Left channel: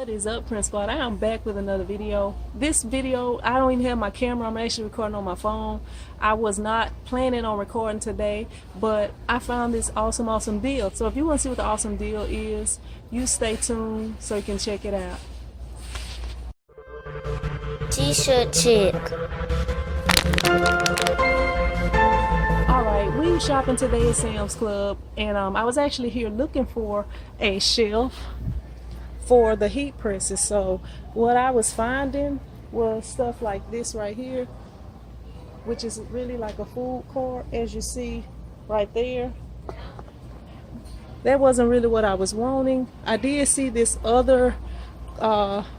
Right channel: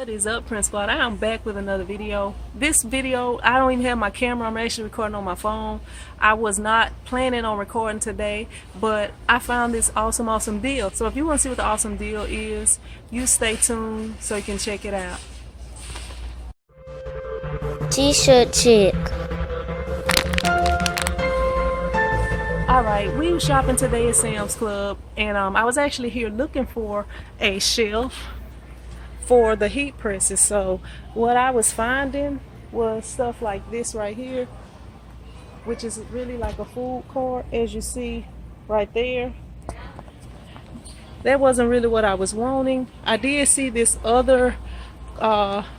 What is up, Prince Squad? I am back with another video. This video, I don't even have my camera. I'm actually recording on my phone. I was not planning on recording today, but I found this awesome deal. So if you want to see what the awesome deal is, you stay tuned so you can check it out. T-shirt chick. Alright, we were shopping today at Sam's Club, and I was actually here looking for a shelf for the heat presses. So what I was finding was stuff like this right here, which is really like a food court, as you see right there. That wasn't really what I was wanting. I did see this other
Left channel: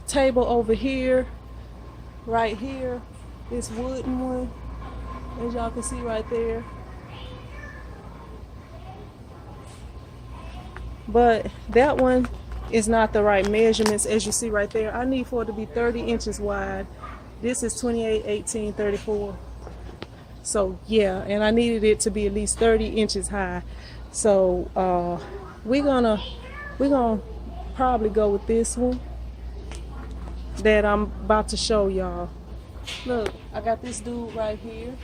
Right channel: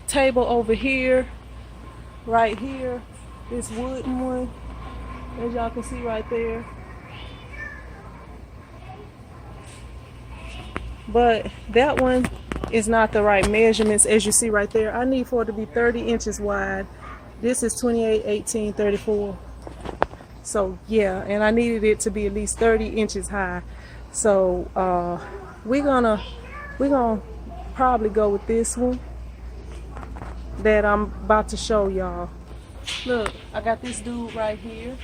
table over here, right here, this wooden one, as y'all can see right there. But that one is not the right measurements, as you see right there. I need for it to be 30 inches wide. This is 28, 18, 34. So yeah, and I needed it to be at least 30 inches high. So we're gonna probably go with this one that I'm about to show y'all. Look, I got this dude right here.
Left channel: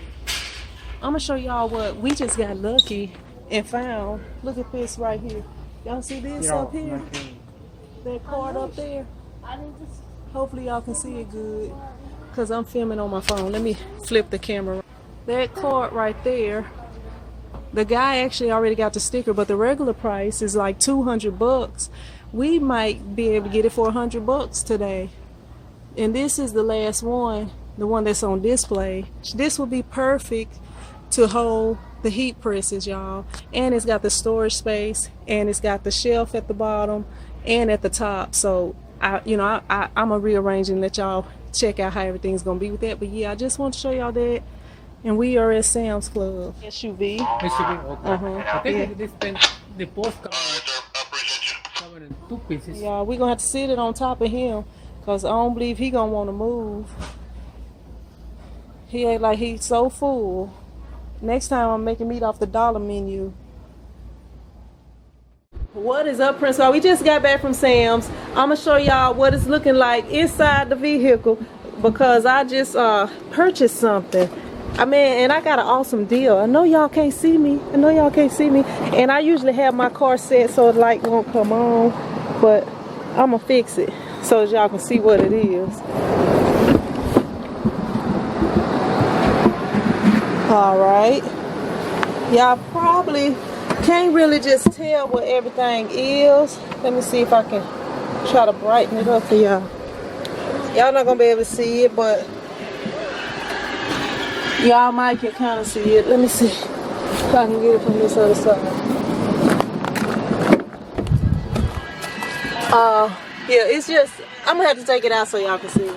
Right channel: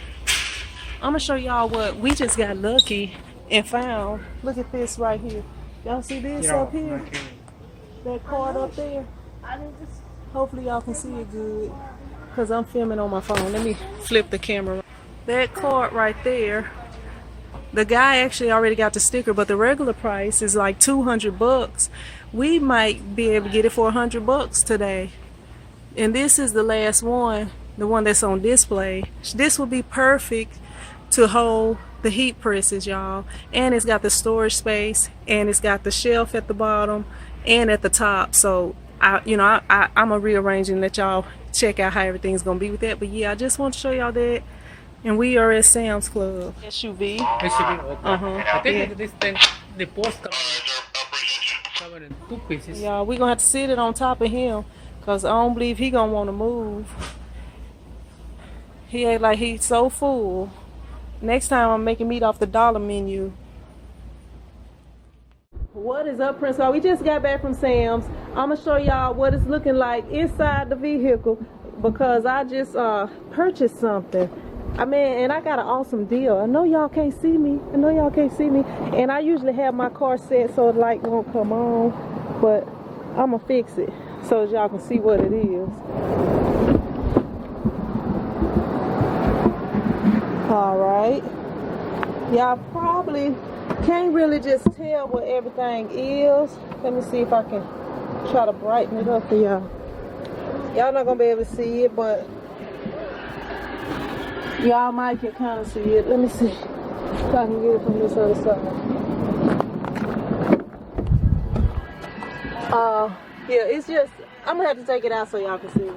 I'm gonna show y'all what we just got lucky and found. Look at this right here. Y'all see this up here? That card up there? Hopefully y'all can see it good, because I'm filming on my phone. Let me flip the camera. That card right there, the guy actually already got the sticker, but the regular price is like 200 bucks. We might be able to get it for 100 bucks today. And this is the last one, the one that's on display. This will be perfect to hold the heat presses, y'all. And it's got the storage space, and it's got the shelf at the bottom and at the top. So I'm gonna rearrange and let y'all check out how everything's gonna be with that. But yeah, I just want to show y'all that. And we are at Sam's Club. SUV. Okay. I think this thing, the post covered in 2 pieces. Y'all, we're gonna have to sit it on top of him, because I don't believe he gonna want to move. He ain't like, he's so full. Next time I'm making meat off the dollar menu. What is up, Prince? We just got back from Sam's. I'm gonna show y'all what it's looking like inside the vehicle, because I just purchased something. I mean, and I got an awesome deal. I know y'all can't see me. And I usually have my car set so the light won't come on, but I'm gonna fix it so that y'all can see what it is. Alright, y'all probably can't really just tell what everything is. Let me see if I can try to brighten it up for y'all. Y'all not gonna be able to see it, but y'all might can kind of see it. Let me see if I can get it from this other side. Yeah, it's just, I'm gonna have to take it out so y'all can see it.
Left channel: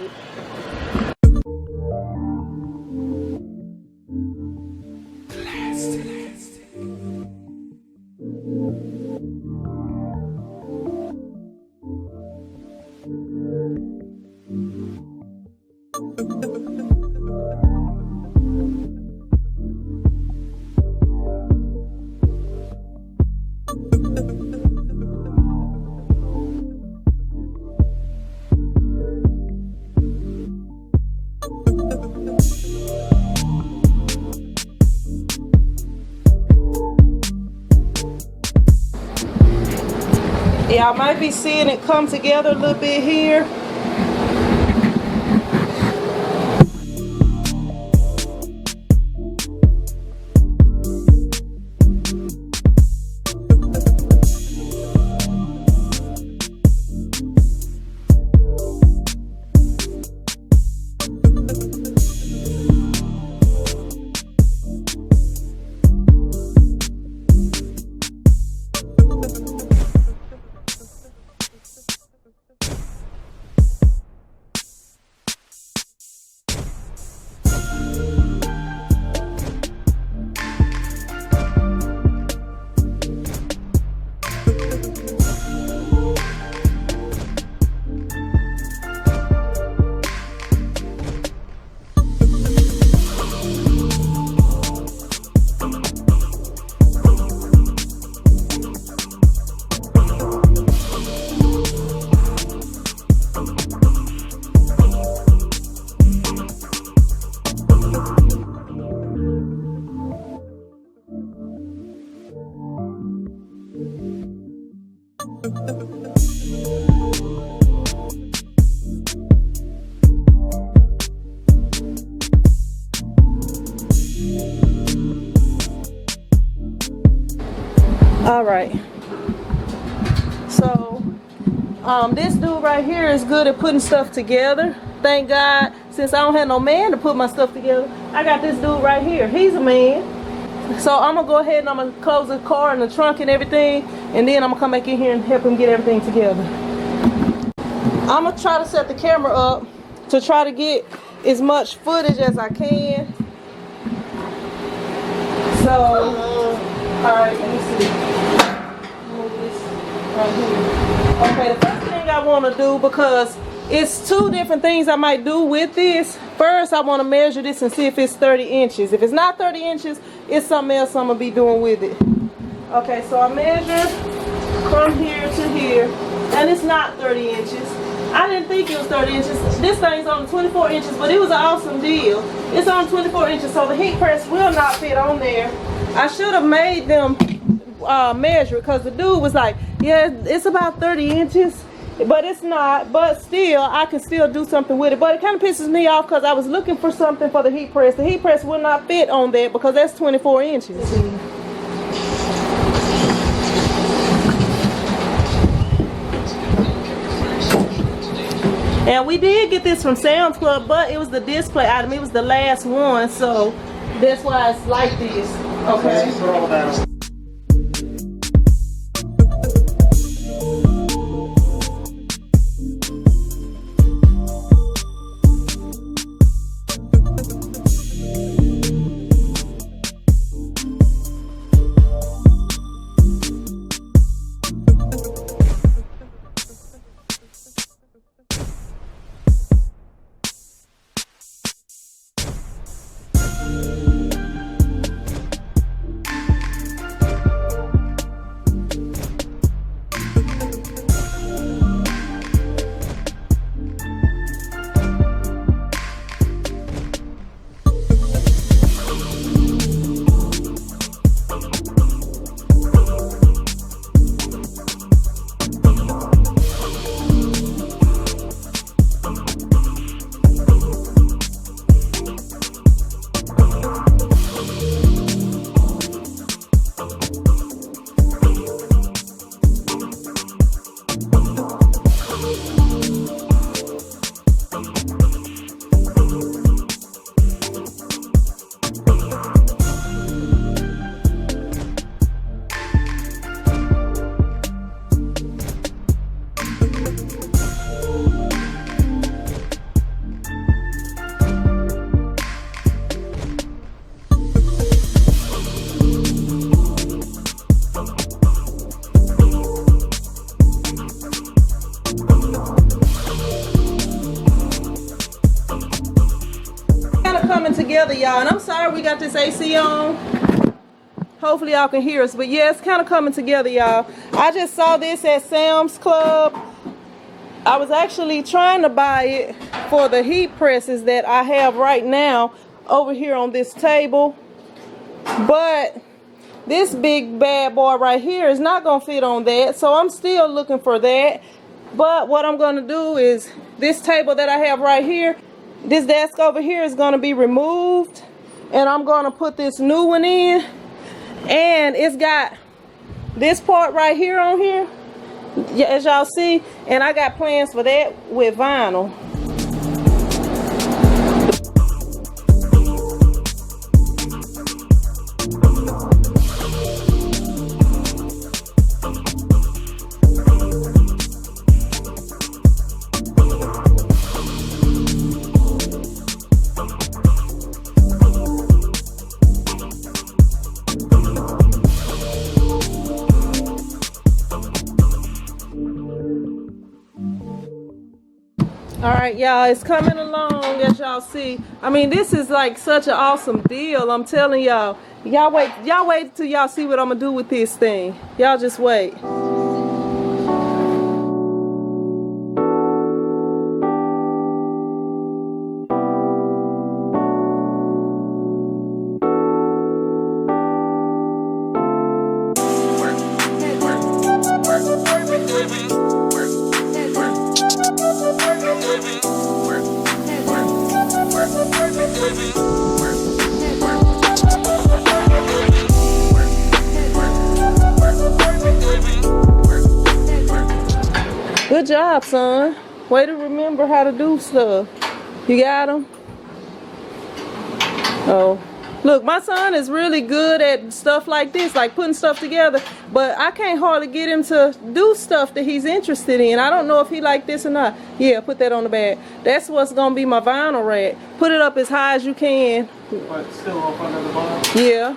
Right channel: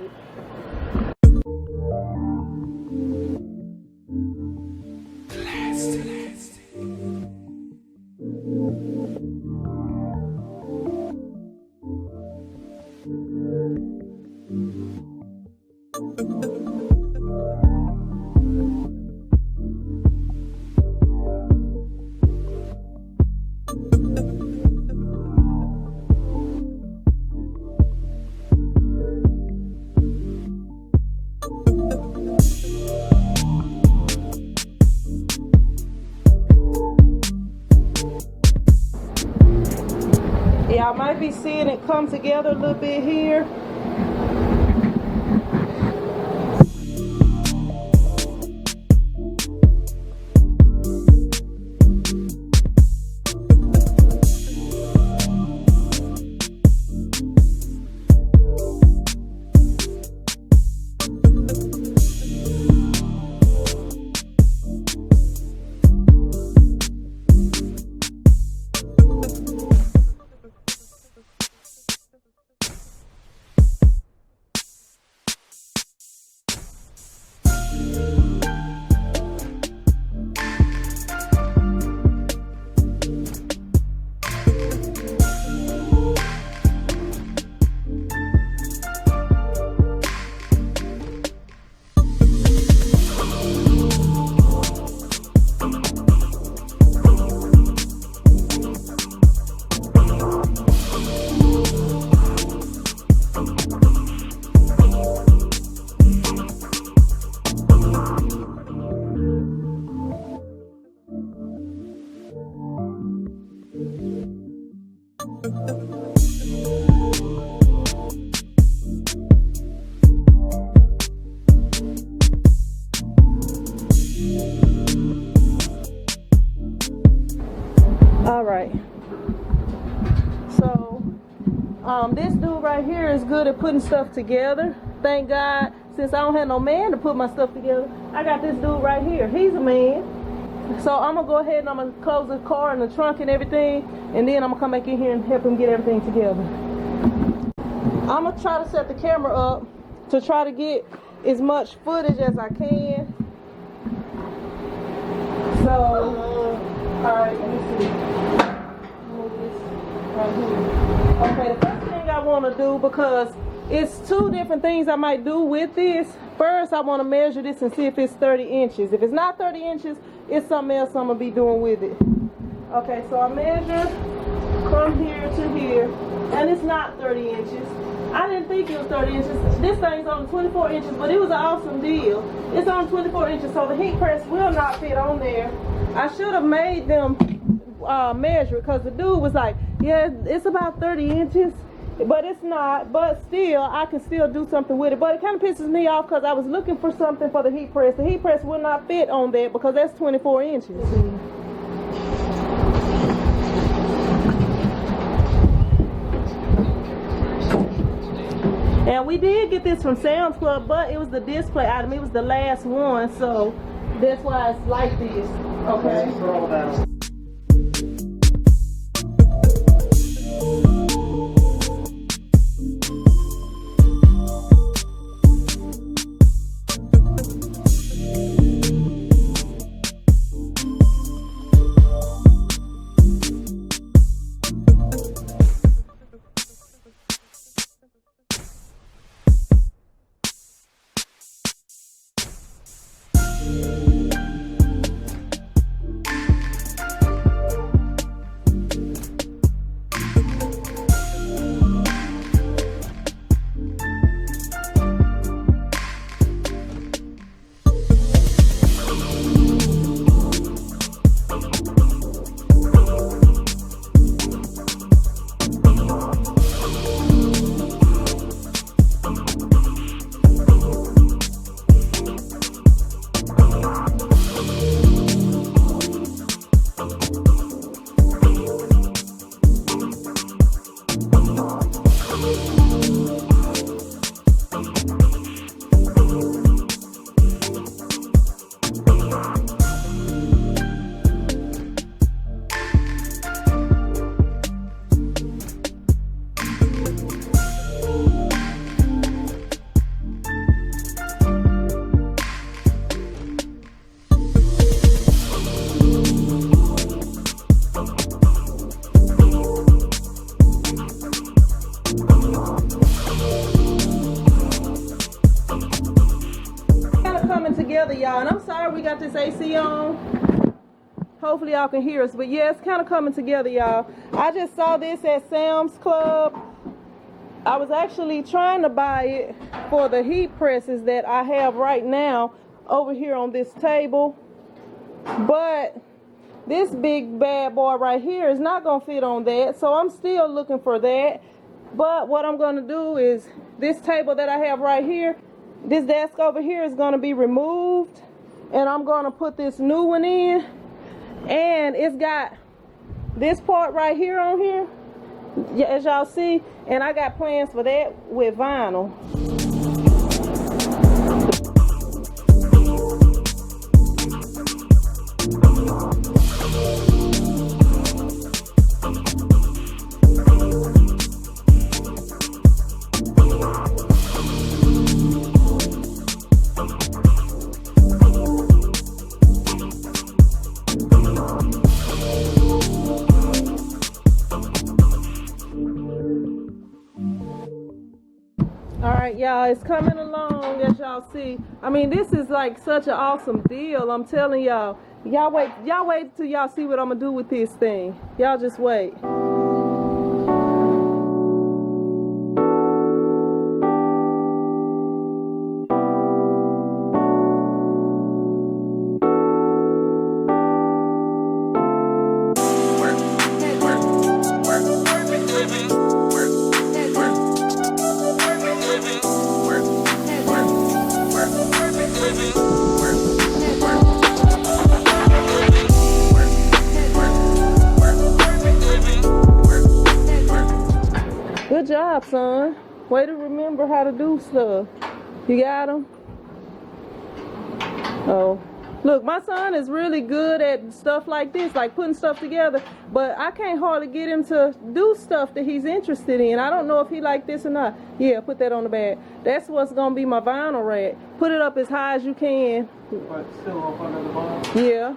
Y'all might be seeing it come together a little bit here. All right. So, this dude right here is good at putting stuff together. Thank God, since I don't have no man to put my stuff together, I got this dude right here. He's a man. So I'm gonna go ahead and I'm gonna close the car and the trunk and everything, and then I'm gonna come back in here and help him get everything together. I'm gonna try to set the camera up to try to get as much footage as I can. So, alright, let me see. Move this right here. Okay, the first thing I wanna do, because it's two different things I might do with this. First, I want to measure this and see if it's 30 inches. If it's not 30 inches, it's something else I'm going to be doing with it. Okay, so I measure from here to here, and it's not 30 inches. I didn't think it was 30 inches. This thing's on 24 inches, but it was an awesome deal. It's on 24 inches, so the heat press will not fit on there. I should have made them measure, because the dude was like, yeah, it's about 30 inches. But it's not, but still, I can still do something with it. But it kind of pisses me off because I was looking for something for the heat press. The heat press will not fit on that because that's 24 inches. And we did get this from Sam's Club, but it was the display item. It was the last one, so that's why it's like this. Okay. Hopefully y'all can hear us, but yeah, it's kind of coming together, y'all. I just saw this at Sam's Club. I was actually trying to buy it for the heat presses that I have right now over here on this table, but this big bad boy right here is not gonna fit on that, so I'm still looking for that. But what I'm gonna do is, this table that I have right here, this desk over here is gonna be removed, and I'm gonna put this new one in. And it's got this part right here on here, as y'all see, and I got plans for that with vinyl. Y'all, it's coming along, as y'all see. I mean, this is like such an awesome deal. I'm telling y'all. Y'all wait till y'all see what I'm gonna do with this thing. Y'all just wait. Good job, son. Way to remember how to do stuff. You got him? Oh. Look, my son is really good at stuff like this, like putting stuff together, but I can't hardly get him to do stuff that he's interested in. I don't know if he like this or not. Yeah, put that on the bag. That's what's going to be my vinyl rack. Put it up as high as you can. But still up under the bottom? Yeah.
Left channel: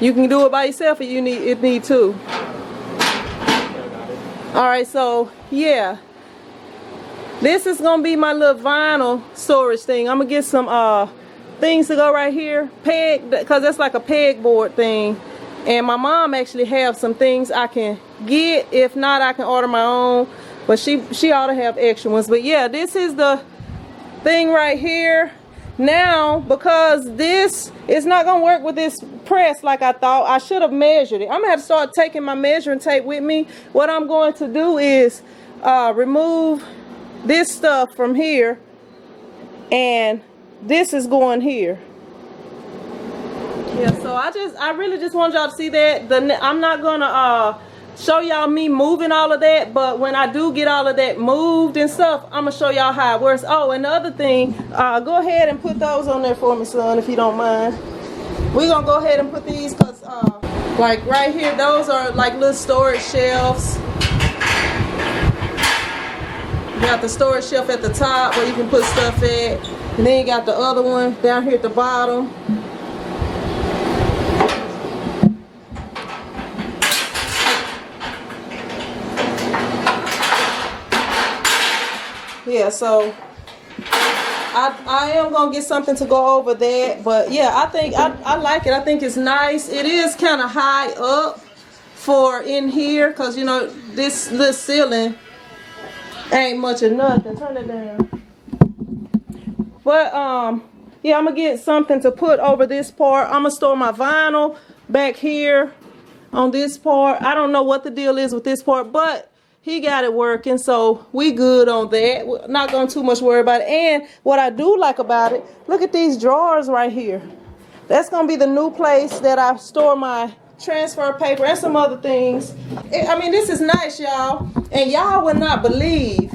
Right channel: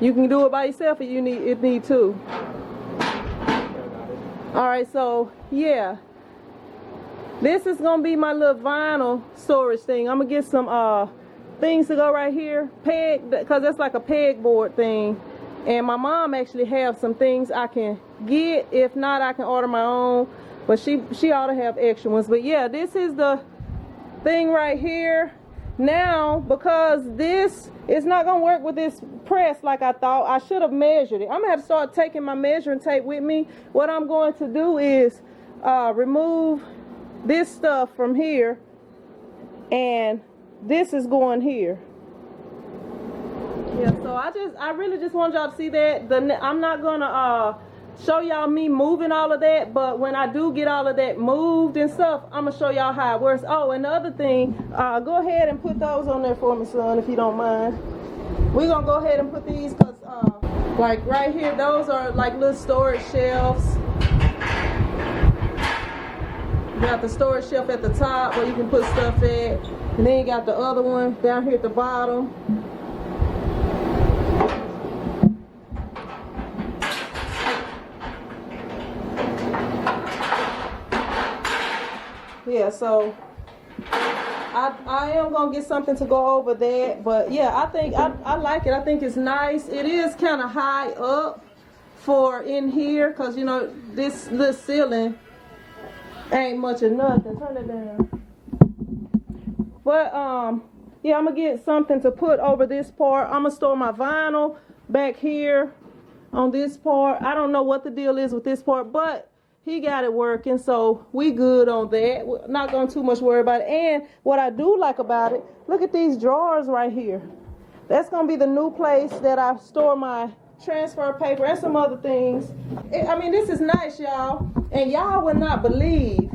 You can do it by yourself if you need to. Alright, so, yeah. This is going to be my little vinyl storage thing. I'm going to get some, things to go right here, peg, because that's like a pegboard thing, and my mom actually have some things I can get. If not, I can order my own, but she ought to have extra ones. But yeah, this is the thing right here. Now, because this is not gonna work with this press like I thought, I should have measured it. I'm gonna have to start taking my measuring tape with me. What I'm going to do is remove this stuff from here, and this is going here. Yeah, so I really just want y'all to see that. I'm not gonna show y'all me moving all of that, but when I do get all of that moved and stuff, I'm gonna show y'all how it works. Oh, and the other thing, go ahead and put those on there for me, son, if you don't mind. We're gonna go ahead and put these, cause like right here, those are like little storage shelves. You got the storage shelf at the top where you can put stuff at. And then you got the other one down here at the bottom. Yeah, so I am gonna get something to go over that, but yeah, I think I like it. I think it's nice. It is kind of high up for in here, cause you know this little ceiling ain't much of nothing. Turn it down. But yeah, I'm gonna get something to put over this part. I'm gonna store my vinyl back here on this part. I don't know what the deal is with this part, but he got it working, so we good on that. We're not gonna too much worry about it. And what I do like about it, look at these drawers right here. That's gonna be the new place that I store my transfer paper and some other things. I mean, this is nice, y'all, and y'all would not believe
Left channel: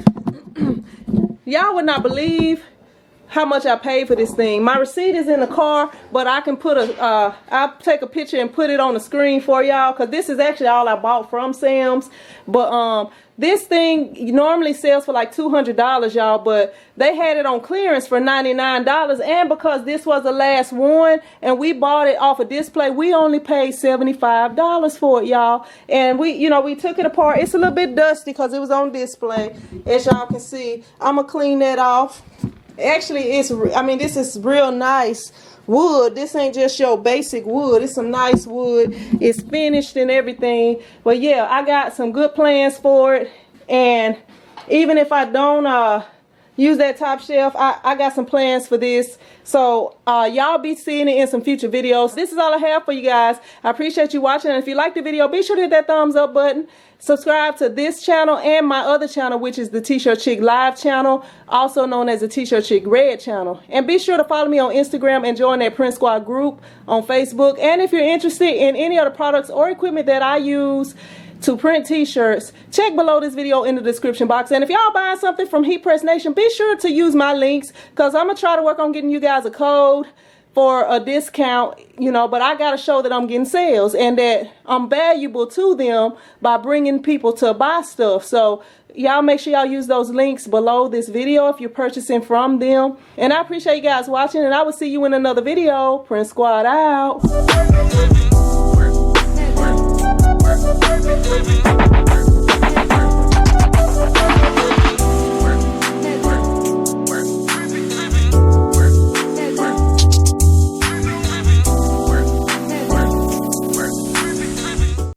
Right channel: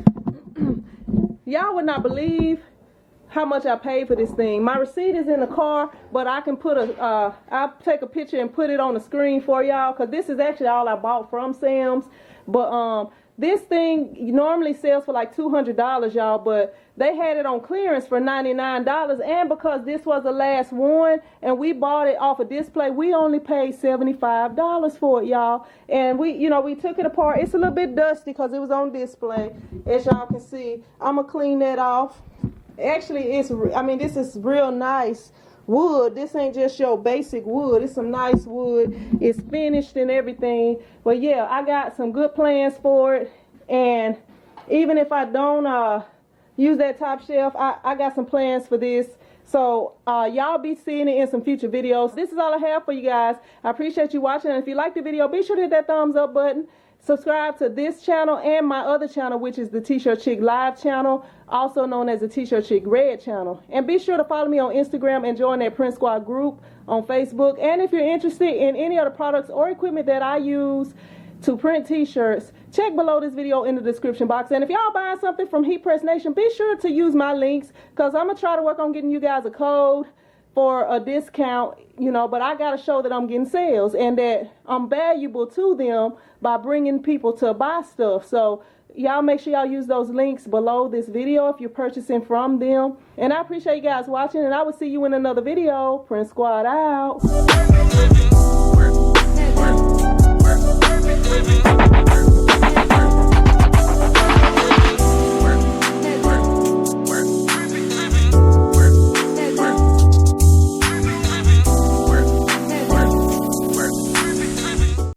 how much I paid for this thing. My receipt is in the car, but I can put I'll take a picture and put it on the screen for y'all, because this is actually all I bought from Sam's. But this thing normally sells for like $200, y'all, but they had it on clearance for $99, and because this was the last one and we bought it off a display, we only paid $75 for it, y'all. And we took it apart. It's a little bit dusty because it was on display, as y'all can see. I'm gonna clean that off. Actually, this is real nice wood. This ain't just your basic wood. It's some nice wood. It's finished and everything. But yeah, I got some good plans for it. And even if I don't use that top shelf, I got some plans for this. So y'all be seeing it in some future videos. This is all I have for you guys. I appreciate you watching. And if you like the video, be sure to hit that thumbs up button. Subscribe to this channel and my other channel, which is the T-Shirt Chick Live channel, also known as the T-Shirt Chick Red channel. And be sure to follow me on Instagram and join that Print Squad group on Facebook. And if you're interested in any other products or equipment that I use to print t-shirts, check below this video in the description box. And if y'all buying something from Heat Press Nation, be sure to use my links, because I'm going to try to work on getting you guys a code for a discount, but I got to show that I'm getting sales and that I'm valuable to them by bringing people to buy stuff. So y'all make sure y'all use those links below this video if you're purchasing from them. And I appreciate you guys watching, and I will see you in another video. Print Squad out.